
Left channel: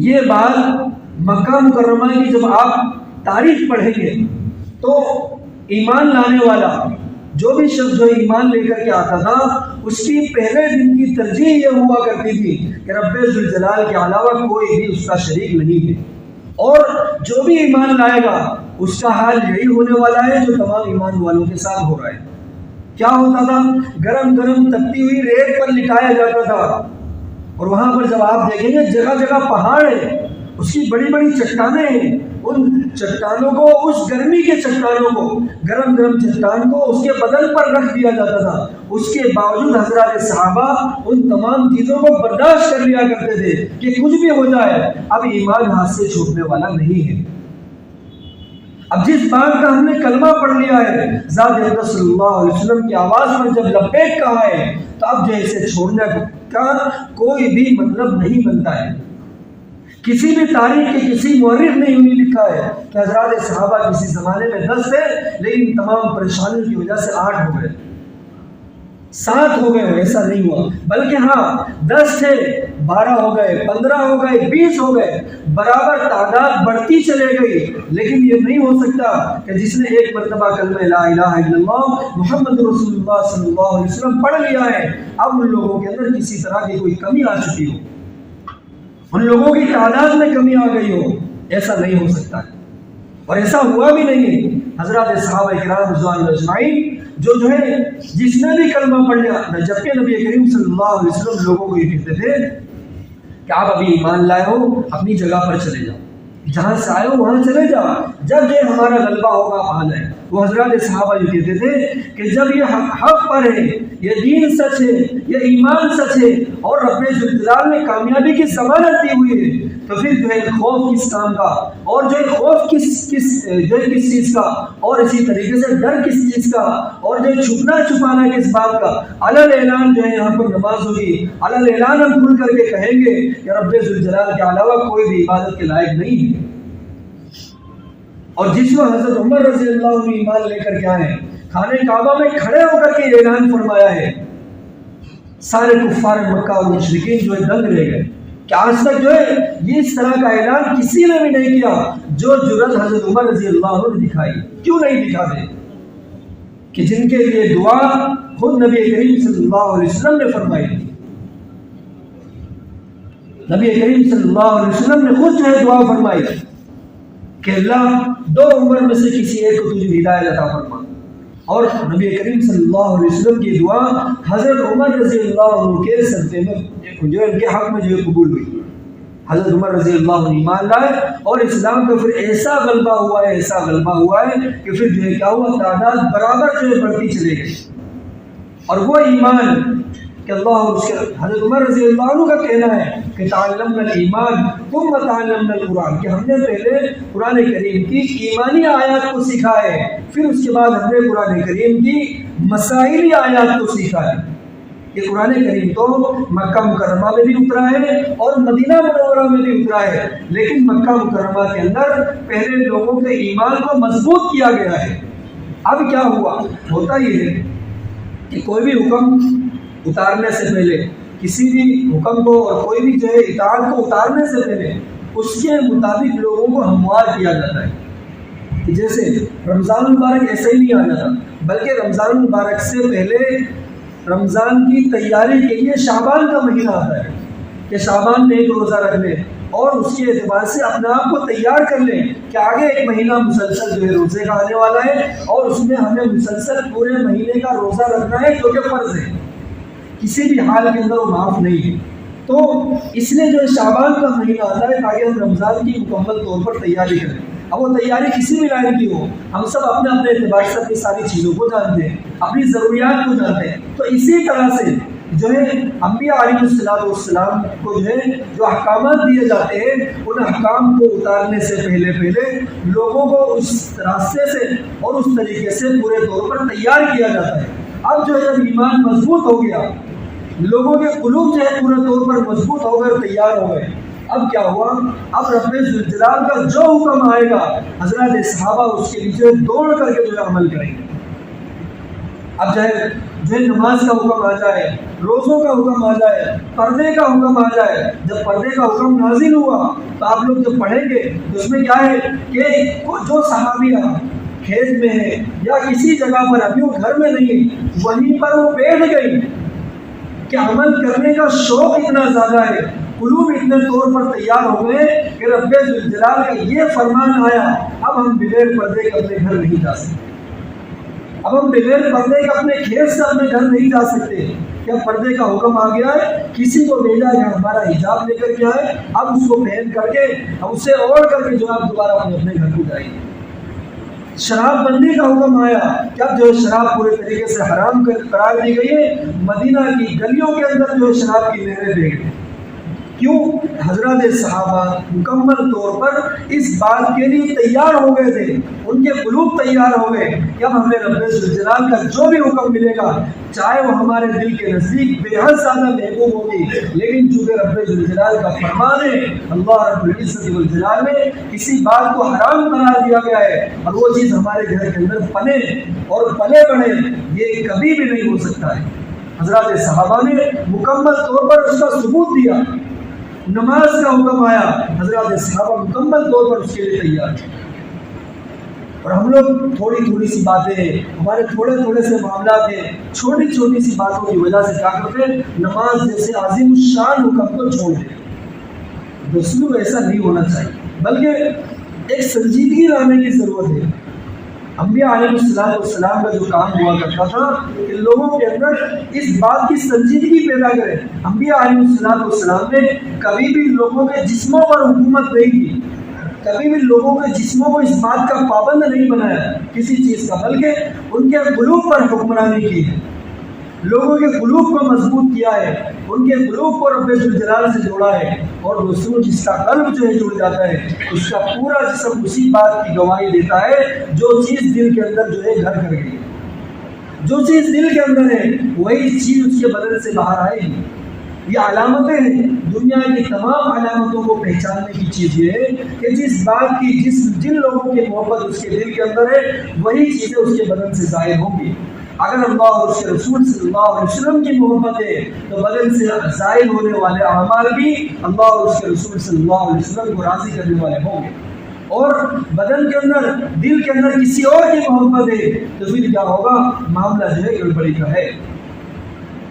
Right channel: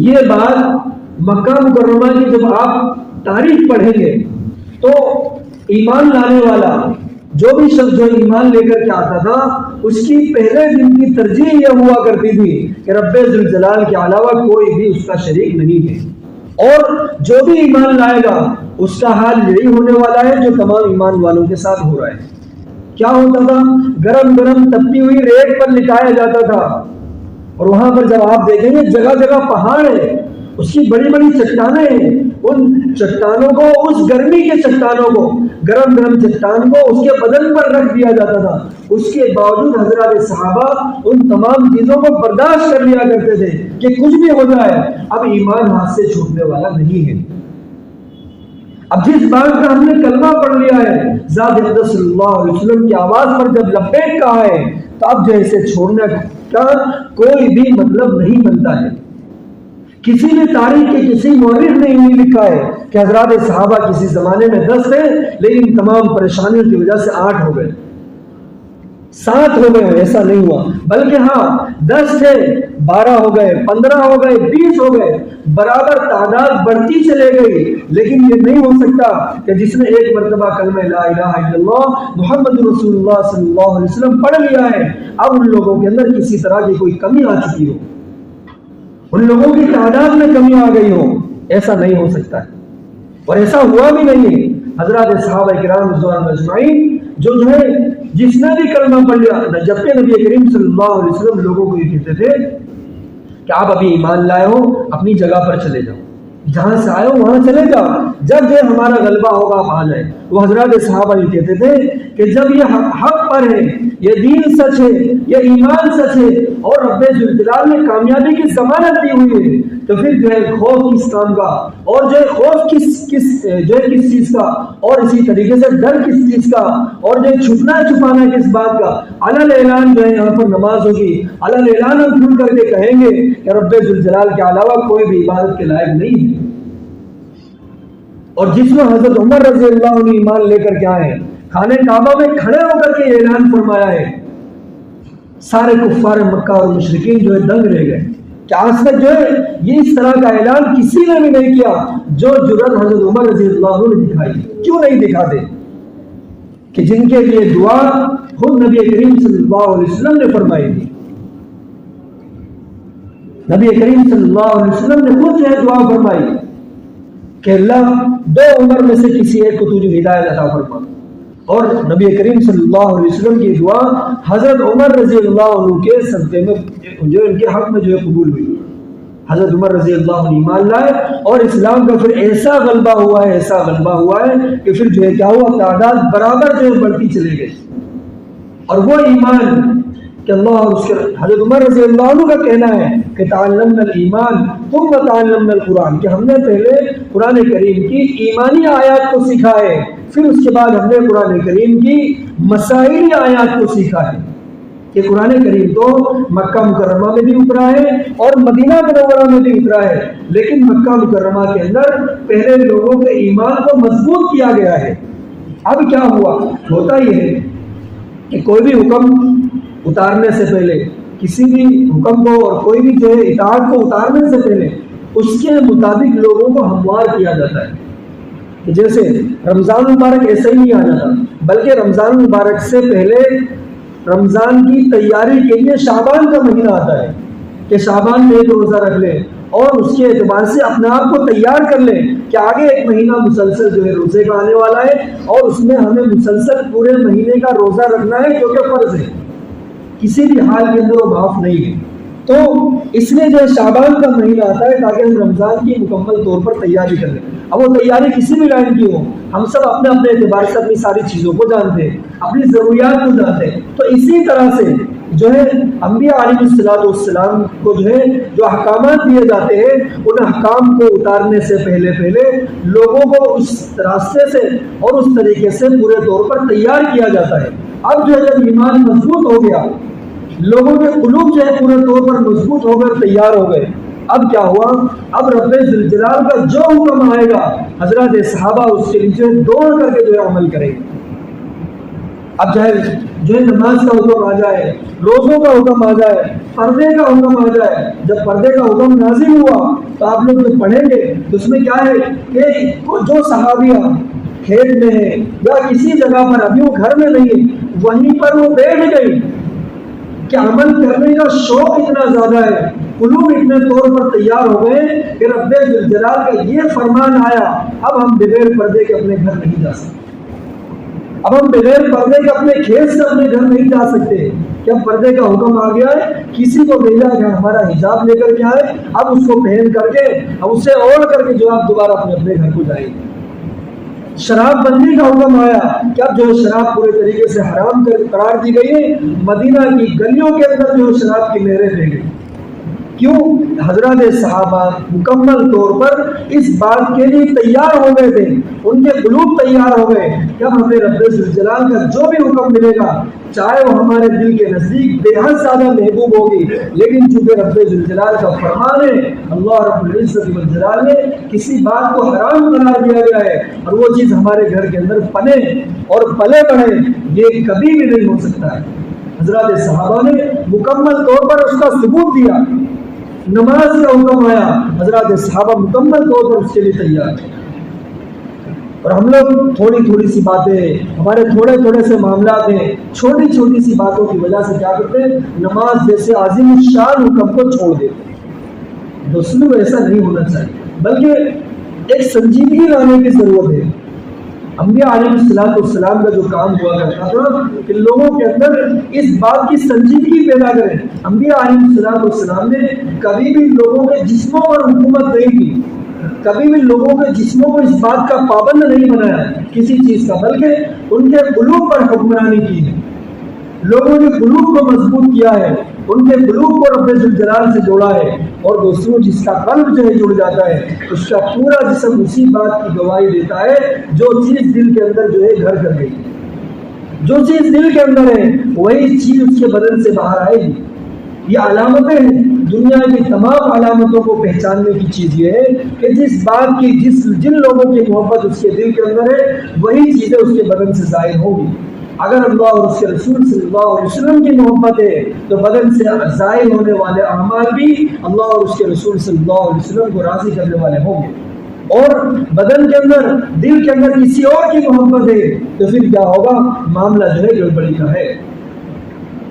یہ بات مکہ مکرمہ کی جب آپ تاریخ پڑھیں گے تو ایمان لانے والا جو بھی شخص جو ایمان لے کر کے آتا تھا اس کی پہلے دن کی ترجیح یہ ہوا کرتی تھی کہ رب ذوالجلال کے علاوہ کوئی بھی اس کا شریک نہیں ہے، اور جو بھی ایمان لائے گا اس کا حال یہی ہونے والا ہے جو تمام ایمان والوں کے ساتھ ہو رہا ہے۔ کیا ہوتا تھا؟ گرم گرم تپتی ہوئی ریت پر لٹایا جاتا تھا، اور وہاں پر جب آپ دیکھیں گے جگہ جگہ پہاڑ ہیں، اس کی بڑی بڑی چٹانیں ہیں، ان چٹانوں کو، اس گرمی کے چٹانوں کو، گرم گرم چٹان کو اس کے بدن پر رکھ دیا جاتا تھا، اس کے باوجود حضرات صحابہ ان تمام چیزوں کو برداشت کر لیا کرتے تھے کہ کچھ بھی ہو جائے اب ایمان ہاتھ سے چھوٹنے والا نہیں ہے۔ اب جس بات کا ہم نے کلمہ پڑھ لیا ہے، ذات اقدس صلی اللہ علیہ وسلم کی آواز پر جب لبیک کہا ہے، تو اب جو اسے چھوڑنے کا کوئی بھی مطلب نہیں بنتا ہے۔ کسی بھی تاریخ کی کسی مورخ نے یوں لکھا ہے کہ حضرات صحابہ کسی زمانے میں 10 تھے لیکن تمام پریشانیوں کی وجہ سے 8 ہو گئے۔ 7 ہو گئے، ایسا نہیں ہوا، بلکہ ہاں 10 تھے 12 ہو گئے، 15 ہو گئے، 20 ہو گئے، برابر تعداد بڑھتی چلے گئی۔ لیکن یہ نہیں ہو سکتا کہ جس نے ایک مرتبہ کلمہ لا الہ الا اللہ محمد رسول اللہ صلی اللہ علیہ وسلم پڑھ لیا ہے، اب ان لوگوں کے اندر کسی طرح کی کوئی کمی آ چکی ہو، ان لوگوں کی تعداد میں کمی آ گئی ہو، ایسا نہیں ہو سکتا ہے، اور ایسا ہوا بھی نہیں ہے۔ حضرات صحابہ کرام رضوان اللہ اجمعین جو ہے جس نے بھی کلمہ پڑھ لیا، جبکہ نبی کریم صلی اللہ علیہ وسلم لوگوں کو یہ کہتے تھے کہ آپ ابھی ایمان لائے ہو، اپنی جگہ پر چلے جاؤ، جہاں سے آئے ہو وہاں چلے جاؤ، جب یہ ہمارا غلبہ ہوگا آپ آ جائیں۔ وہ حضرات صحابہ یہ کہتے تھے کہ جب یہ حق پر ہے، یہ دین سچ ہے، یہ ایمان سچ ہے، اور رب ذوالجلال نے کامیابی کی ضمانت دی ہوئی ہے، تو پھر جو ہے خوف کس کام کا، اور جو ہے خوف کس چیز کا، اور اسی طریقے سے ڈر کس چیز کا، اور جو چھپنا چھپانا کس بات کا۔ علل اعلان جو ہے یہاں پر نماز ہوگی، علل اعلان ہم کھل کر کے کہیں گے کہ رب ذوالجلال کے علاوہ کوئی بھی عبادت کے لائق نہیں ہے۔ اور جس میں حضرت عمر رضی اللہ عنہ ایمان لے کر کے آئے، خانہ کعبہ میں کھڑے ہو کر کے یہ اعلان فرمایا ہے، سارے کفار مکہ اور مشرکین جو ہے دنگ رہ گئے کہ آج تک جو ہے یہ اس طرح کا اعلان کسی نے بھی نہیں کیا جو جرأت حضرت عمر رضی اللہ عنہ نے دکھائی۔ کیوں نہیں دکھاتے؟ کہ جن کے لیے دعا خود نبی کریم صلی اللہ علیہ وسلم نے فرمائی تھی، نبی کریم صلی اللہ علیہ وسلم نے خود جو ہے دعا فرمائی کہ اللہ 2 عمر میں سے کسی ایک کو تجھے ہدایت عطا فرما، اور نبی کریم صلی اللہ علیہ وسلم کی دعا حضرت عمر رضی اللہ عنہ کے صدقے میں جو ان کے حق میں جو ہے قبول ہوئی۔ حضرت عمر رضی اللہ عنہ ایمان لائے، اور اسلام کا پھر ایسا غلبہ ہوا ہے، ایسا غلبہ ہوا ہے کہ پھر جو ہے کیا ہوا، تعداد برابر جو ہے بڑھتی چلی گئی۔ اور وہ ایمان کہ اللہ اور اس کے حضرت عمر رضی اللہ عنہ کا کہنا ہے کہ تعلمنا الایمان ثم تعلمنا القرآن، کہ ہم نے پہلے قرآن کریم کی ایمانی آیات کو سیکھا ہے، پھر اس کے بعد ہم نے قرآن کریم کی مسائلی آیات کو سیکھا ہے۔ کہ قرآن کریم تو مکہ مکرمہ میں بھی اترا ہے اور مدینہ منورہ میں بھی اترا ہے، لیکن مکہ مکرمہ کے اندر پہلے لوگوں کے ایمان کو مضبوط کیا گیا ہے۔ اب کیا ہوا، ہوتا یہ ہے کہ کوئی بھی حکم اتارنے سے پہلے، کسی بھی حکم کو اور کوئی بھی جو ہے اطاعت کو اتارنے سے پہلے اس کے مطابق لوگوں کو ہموار کیا جاتا ہے۔ کہ جیسے رمضان المبارک ایسے ہی نہیں آ جاتا، بلکہ رمضان المبارک سے پہلے رمضان کی تیاری کے لیے شعبان کا مہینہ آتا ہے کہ شعبان میں ایک روزہ رکھ لیں اور اس کے اعتبار سے اپنے آپ کو تیار کر لیں کہ آگے ایک مہینہ مسلسل جو ہے روزے کا آنے والا ہے، اور اس میں ہمیں مسلسل پورے مہینے کا روزہ رکھنا ہے جو کہ فرض ہے، کسی بھی حال کے اندر وہ معاف نہیں ہے۔ تو اس لیے جو ہے شعبان کا مہینہ آتا ہے تاکہ ہم رمضان کی مکمل طور پر تیاری کر لیں۔ اب وہ تیاری کسی بھی لائن کی ہو، ہم سب اپنے اپنے اعتبار سے اپنی ساری چیزوں کو جانتے ہیں، اپنی ضروریات کو جانتے ہیں۔ تو اسی طرح سے جو ہے انبیاء علیہ السلام کو جو ہے جو احکامات دیے جاتے ہیں، ان احکام کو اتارنے سے پہلے لوگوں کو اس راستے سے اور اس طریقے سے پورے طور پر تیار کیا جاتا ہے۔ اب جو ہے جب ایمان مضبوط ہو گیا، لوگوں کے قلوب جو ہے پورے طور پر مضبوط ہو گئے، تیار ہو گئے، اب کیا ہوا، اب رب ذوالجلال کا جو حکم آئے گا حضرات صحابہ اس کے نیچے دوڑ کر کے جو ہے عمل کریں گے۔ اب جو ہے نماز کا حکم آ جائے، روزوں کا حکم آ جائے، پردے کا حکم آ جائے، جب پردے کا حکم نازل ہوا تو آپ لوگ جو پڑھیں گے تو اس میں کیا ہے کہ جو صحابیہ کھیت میں ہے یا کسی جگہ پر ابھی وہ گھر میں نہیں ہے، وہیں پر وہ بیٹھ گئی کہ عمل کرنے کا شوق اتنا زیادہ ہے، قلوب اتنے طور پر تیار ہو گئے کہ رب ذوالجلال کا یہ فرمان آیا، اب ہم بغیر پردے کے اپنے گھر نہیں جا سکتے، اب ہم بغیر پردے کے اپنے کھیت سے اپنے گھر نہیں جا سکتے، کہ اب پردے کا حکم آ گیا ہے، کسی کو بھیجا کہ ہمارا حجاب لے کر کے آئے، اب اس کو پہن کر کے اب اسے اوڑھ کر کے جو آپ دوبارہ اپنے گھر کو جائیں گے۔ شراب بندی کا حکم آیا کہ اب جو ہے شراب پورے طریقے سے حرام قرار دی گئی ہے، مدینہ کی گلیوں کے اندر جو ہے شراب کی نہریں بہہ گئی۔ کیوں؟ حضرات صحابہ مکمل طور پر اس بات کے لیے تیار ہو گئے تھے، ان کے قلوب تیار ہو گئے کہ اب ہمیں رب ذوالجلال کا جو بھی حکم ملے گا، چاہے وہ ہمارے دل کے نزدیک بے حد زیادہ محبوب ہوگی، لیکن چونکہ رب ذوالجلال کا فرمان ہے، اللہ رب العزت والجلال نے کسی بات کو حرام قرار دیا گیا ہے اور وہ چیز ہمارے گھر کے اندر پنے اور پلے بڑھے، یہ کبھی بھی نہیں ہو سکتا ہے۔ حضرات صحابہ نے مکمل طور پر اس کا ثبوت دیا. نماز کا حکم آیا، حضرات صحابہ مکمل طور پر اس کے لیے تیار ہیں. اور ہم لوگ تھوڑی تھوڑی سی باتیں، ہمارے تھوڑے تھوڑے سے معاملات ہیں، چھوٹی چھوٹی سی باتوں کی وجہ سے کیا کرتے ہیں، نماز جیسے عظیم الشان حکم کو چھوڑ دیتے ہیں. دوستوں ایسا نہیں ہونا چاہیے، بلکہ ایک سنجیدگی لانے کی ضرورت ہے. انبیاء علیہ السلام کا جو کام ہوا کرتا تھا کہ لوگوں کے اندر اس بات کی سنجیدگی پیدا کریں. انبیاء علیہ السلام نے کبھی بھی لوگوں کے جسموں پر حکومت نہیں کی، کبھی بھی لوگوں کے جسموں کو اس بات کا پابند نہیں بنایا کسی چیز کا، بلکہ ان کے قلوب پر حکمرانی کی ہے، لوگوں کے قلوب کو مضبوط کیا ہے، ان کے قلوب کو رب ذوالجلال سے جوڑا ہے. اور دوستوں جس کا قلب جو ہے جڑ جاتا ہے اس کا پورا جسم اسی بات کی گواہی دیتا ہے جو چیز دل کے اندر جو ہے گھر کر گئی، جو چیز دل کے اندر ہے وہی چیز اس کے بدن سے باہر آئے گی. یہ علامتیں ہیں، دنیا کی تمام علامتوں کو پہچاننے کی چیز یہ ہے کہ جس بات کی جن لوگوں کی محبت اس کے دل کے اندر ہے وہی چیزیں اس کے بدن سے ظاہر ہوں گی. اگر اللہ اور اس کے رسول صلی اللہ علیہ وسلم کی محبت ہے تو بدن سے ظاہر ہونے والے اعمال بھی اللہ اور اس کے رسول صلی اللہ علیہ وسلم کو راضی کرنے والے ہوں گے. اور بدن کے اندر، دل کے اندر کسی اور کی محبت ہے تو پھر کیا ہوگا، معاملہ جو ہے گڑبڑی کا ہے.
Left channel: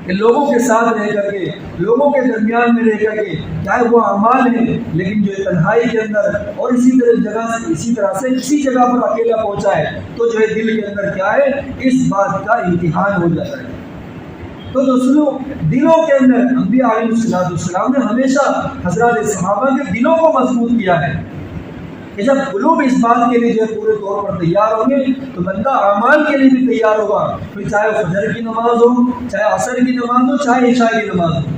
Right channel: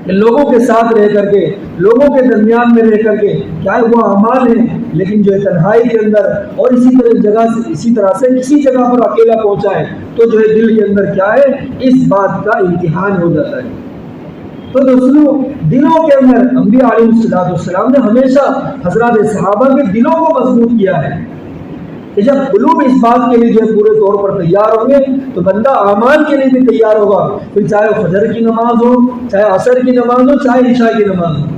کہ لوگوں کے ساتھ رہ کر کے، لوگوں کے درمیان میں رہ کر کے چاہے وہ اعمال ہیں، لیکن جو ہے تنہائی کے اندر اور اسی طرح سے کسی جگہ پر اکیلا پہنچا ہے تو جو ہے دل کے اندر کیا ہے، اس بات کا امتحان ہو جاتا ہے. تو دوستوں دلوں کے اندر انبیاء علیہ السلام نے ہمیشہ حضرات صحابہ کے دلوں کو مضبوط کیا ہے کہ جب قلوب اس بات کے لیے جو ہے پورے طور پر تیار ہوں گے تو بندہ اعمال کے لیے بھی تیار ہوگا. پھر چاہے فجر کی نماز ہو، چاہے عصر کی نماز ہو، چاہے عشاء کی نماز ہو،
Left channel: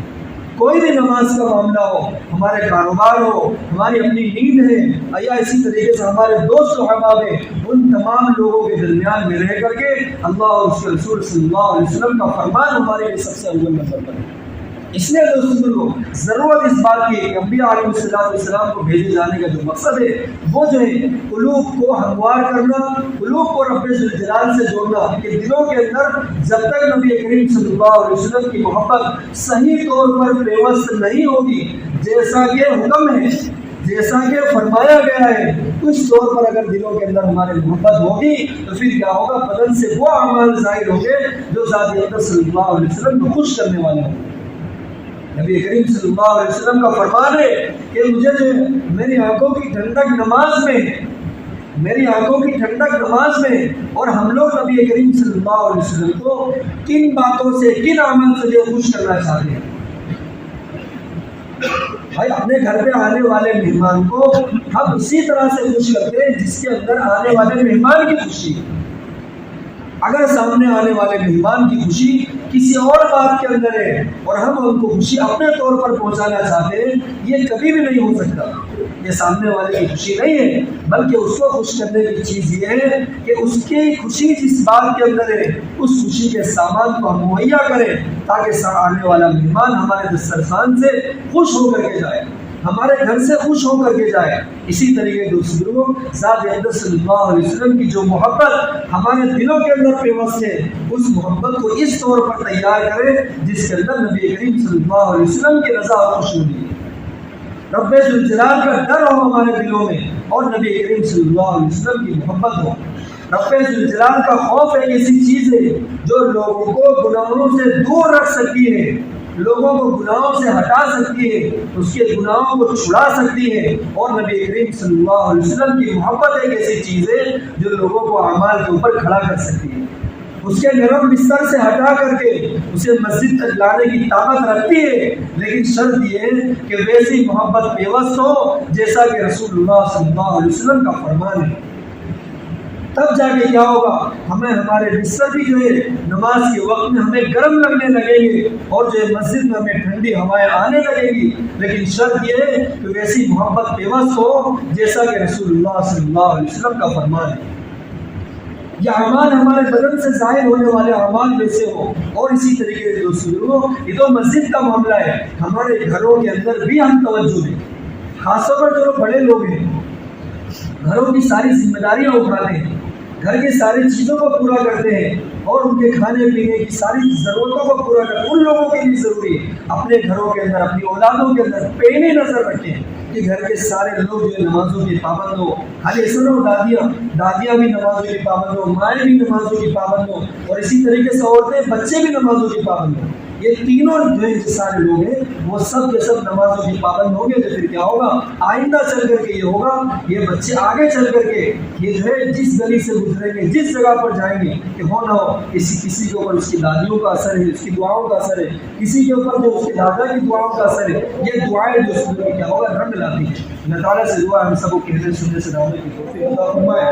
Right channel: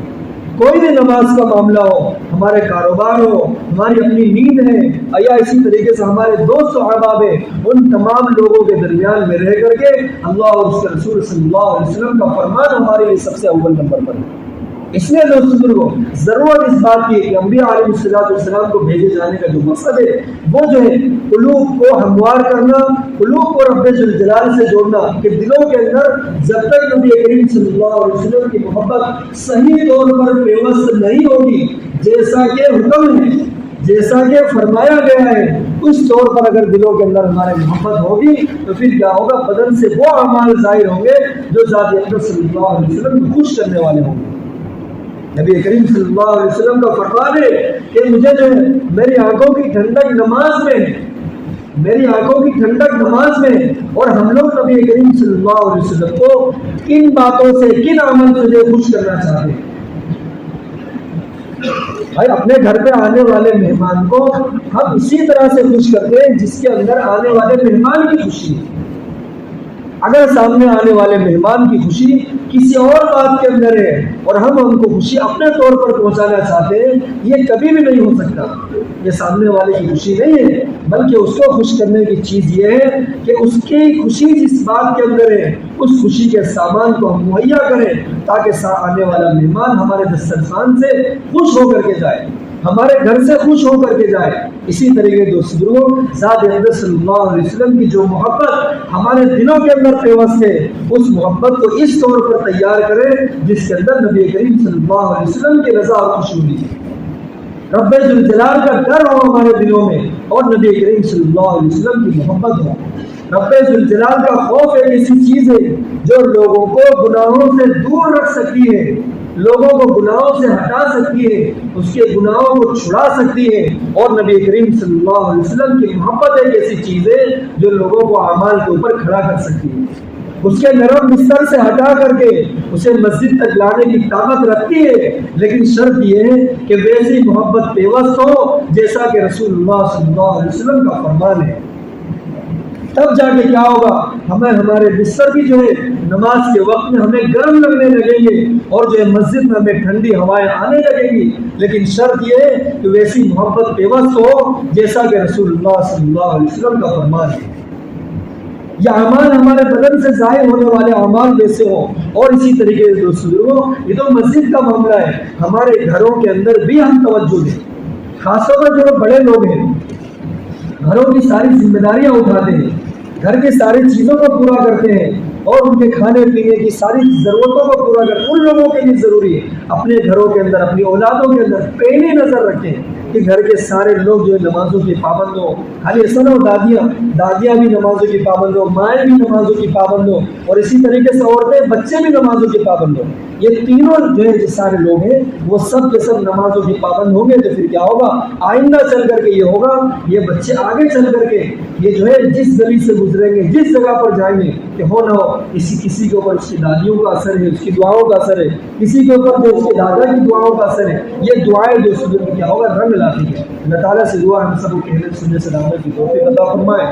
کوئی بھی نماز کا معاملہ ہو، ہمارے کاروبار ہو، ہماری اپنی نیند ہے، یا اسی طریقے سے ہمارے دوست و احباب ہیں، ان تمام لوگوں کے درمیان میں رہ کر کے اللہ اور اس کے رسول صلی اللہ علیہ وسلم کا فرمان ہمارے لیے سب سے اول نمبر پر ہے. اس لیے دوست بزرگوں ضرورت اس بات کی ہے کہ انبیاء علیہ السلام کو بھیجے جانے کا جو مقصد ہے وہ جو ہے قلوب کو ہموار کرنا، قلوب کو رب ذوالجلال سے جوڑنا، کہ دلوں کے اندر جب تک نبی کریم صلی اللہ علیہ وسلم کی محبت صحیح طور پر پیوست نہیں ہوگی، جیسا کہ حکم ہے، جیسا کہ فرمایا گیا ہے، اس طور پر اگر دلوں کے اندر ہماری محبت ہوگی تو پھر کیا ہوگا، بدن سے وہ اعمال ظاہر ہوں گے جو ذات اقدس صلی اللہ علیہ وسلم کو خوش کرنے والے ہوں گے. نبی کریم صلی اللہ علیہ وسلم کا فرمان ہے کہ مجھے جو ہے میری آنکھوں کی ٹھنڈک نماز میں، میری آنکھوں کی ٹھنڈک نماز میں. اور ہم لوگ نبی کریم صلی اللہ علیہ وسلم کو کن باتوں سے، کن عمل سے جو خوش کرنا چاہتے ہیں؟ بھائی اپنے گھر پہ آنے والے مہمان کو ہم اسی طرح سے خوش کرتے ہیں جس کے اندر آنے والے مہمان کی خوشی. اگر سامنے آنے والے مہمان کی خوشی کسی اور بات کے اندر ہے اور ہم ان کو خوشی اپنے طور پر پہنچانا چاہتے ہیں، یہ کبھی بھی نہیں ہو سکتا. یہ سامنے والے کی خوشی نہیں ہے، بلکہ اس کو خوش کرنے کی چیز یہ ہے کہ اس کی خوشی جس بات کے اندر ہے اس خوشی کے سامان کو ہم مہیا کریں تاکہ آنے والا مہمان ہمارے دسترخوان سے خوش ہو کر کے جائے، ہمارے گھر سے خوش ہو کر کے جائے. اسی طریقے دوستوں ذات اقدس صلی اللہ علیہ وسلم کی جو محبت ہمارے دلوں کے اندر پیوست ہے اس محبت کو اس طور پر تیار کریں جس کے اندر نبی کریم صلی اللہ علیہ وسلم کی رضا اور خوشی ہونی ہے، رب ذوالجلال کا ڈر ہو ہمارے دلوں میں اور نبی کریم صلی اللہ علیہ وسلم کی محبت ہو. رب ذوالجلال کا خوف ایک ایسی چیز ہے جو لوگوں کو گناہوں سے دور رکھ سکتی ہے، لوگوں کو گناہوں سے ہٹا سکتی ہے، اس کے گناہوں کو چھڑا سکتی ہے. اور نبی کریم صلی اللہ علیہ وسلم کی محبت ایک ایسی چیز ہے جو لوگوں کو اعمال کے اوپر کھڑا کر سکتی ہے، اس کے نرم بستر سے ہٹا کر کے اسے مسجد تک لانے کی طاقت رکھتی ہے. لیکن شرط یہ ہے کہ ویسی محبت پیوست ہو جیسا کہ رسول اللہ صلی اللہ علیہ وسلم کا فرمان ہے. تب جا کے کیا ہوگا، ہمیں ہمارے بستر بھی جو ہے نماز کے وقت میں ہمیں گرم لگنے لگیں گے اور جو ہے مسجد میں ہمیں ٹھنڈی ہوائیں آنے لگیں گی. لیکن شرط یہ ہے کہ ویسی محبت پیوست ہو جیسا کہ رسول اللہ صلی اللہ علیہ وسلم کا فرمان ہے. یہ اعمال ہمارے بدن سے ظاہر ہونے والے اعمال ویسے ہوں. اور اسی طریقے سے دوستوں یہ تو مسجد کا معاملہ ہے، ہمارے گھروں کے اندر بھی ہم توجہ دیں، خاص طور پر جو بڑے لوگ ہیں گھروں کی ساری ذمہ داریاں اٹھاتے ہیں، گھر کی ساری چیزوں کو پورا کرتے ہیں اور ان کے کھانے پینے کی ساری ضرورتوں کو پورا کریں. ان لوگوں کے لیے ضروری ہے اپنے گھروں کے اندر اپنی اولادوں کے اندر پہلے نظر رکھیں کہ گھر کے سارے لوگ جو ہے نمازوں کی پابند ہو. خالی ایسا نہ ہو دادیاں بھی نمازوں کی پابند ہو, مائیں بھی نمازوں کی پابند ہو, اور اسی طریقے سے عورتیں بچے بھی نمازوں کی پابند ہو. یہ تینوں جو ہے جو سارے لوگ ہیں وہ سب کے سب نمازوں کی پابند ہوں گے. تو پھر کیا ہوگا, آئندہ چل کر کے یہ ہوگا, یہ بچے آگے چل کر کے یہ جو ہے جس گلی سے گزریں گے, جس جگہ پر جائیں گے, کہ ہو نہ ہو کسی کے اوپر اس کی دادیوں کا اثر ہے, اس کی دعاؤں کا اثر ہے, کسی کے اوپر جو اس کے دادا کی دعاؤں کا اثر ہے. یہ دعائیں جو اس میں کیا ہوگا, رنگ لاتی ہے. اللہ تعالیٰ سے دعا ہم سب کو کہنے سننے سے دعوت کی توفیق عطا فرمائے.